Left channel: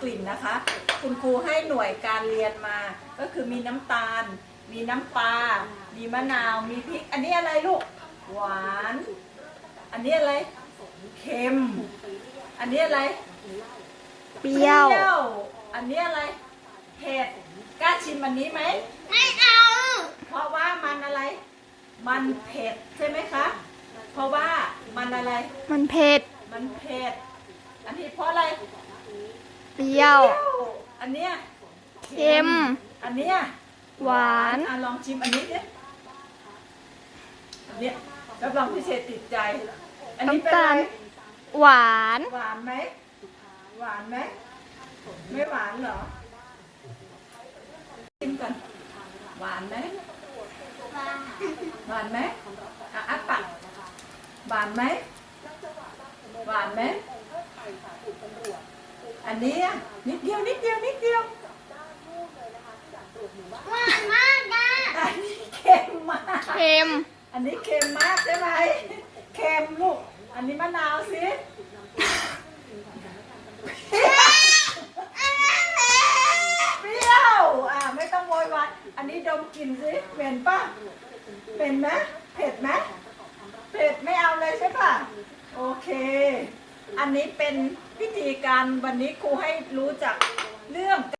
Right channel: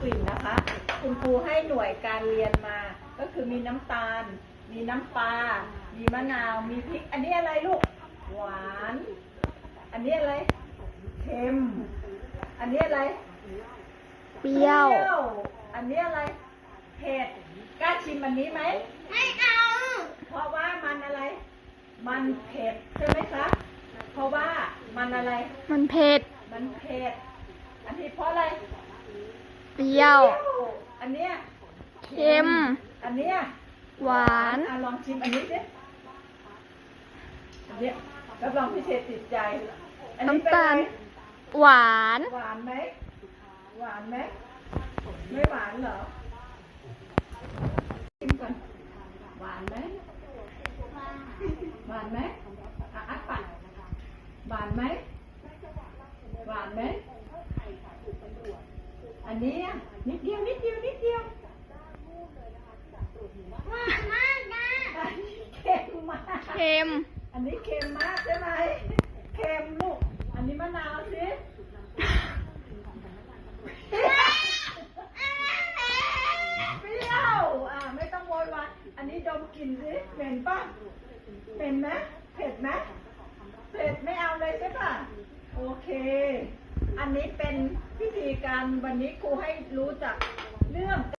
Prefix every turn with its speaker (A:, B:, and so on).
A: กลิ่นนะคะ คุณครูให้หน่วยการเรียนมา ก็คือมีน้ำตาล มีน้ำปลา มีมะนาว มีพริก อันนี้อะไรลูก หวาน อันนี้อะไร เค็ม อันนี้อะไร
B: เปรี้ยว
A: อันนี้อะไร เผ็ด กล้าชิมอันนี้ไหม
C: ไม่เอา
A: เพราะว่ามันอะไร มันเผ็ดใช่ไหมคะ เพราะว่ามันอะไร
B: มันเผ็ด
A: มันเผ็ด อันนี้เพราะอะไร
B: เปรี้ยว
A: อันเนี้ย
B: เค็ม
A: อันเนี้ย
B: หวาน
A: ลองชิมอันนี้ดิอันเนี้ยรับรองพิเศษติดใจ อันนี้เป็น
B: น้ำ
A: อะ
B: ตา
A: ไร
B: ล หวาน
A: หวานไหม หวานไหม ไม่หวานเหรอ ชิมก่อน หวานไหม หวานไหมอัดปากหวานไหม หวานไหม อันนี้นิดเดียว
C: หวานมากนะ
A: อันนี้เค็มมาก
B: เค็ม
A: อันนี้เค็มมากใช่ไหม เค็มลูก อันนี้มะนาวสิเปรี้ยวไม่ต้องโวยวาย อันนี้ดมกลิ่นสิเหม็นป่ะเป็นไหมเผ็ดไหมเผ็ดไม่เอาเลยใช่ป่ะ โอเค อันนี้เป็นพิธีการวันนี้ครูให้รู้จักเรื่อง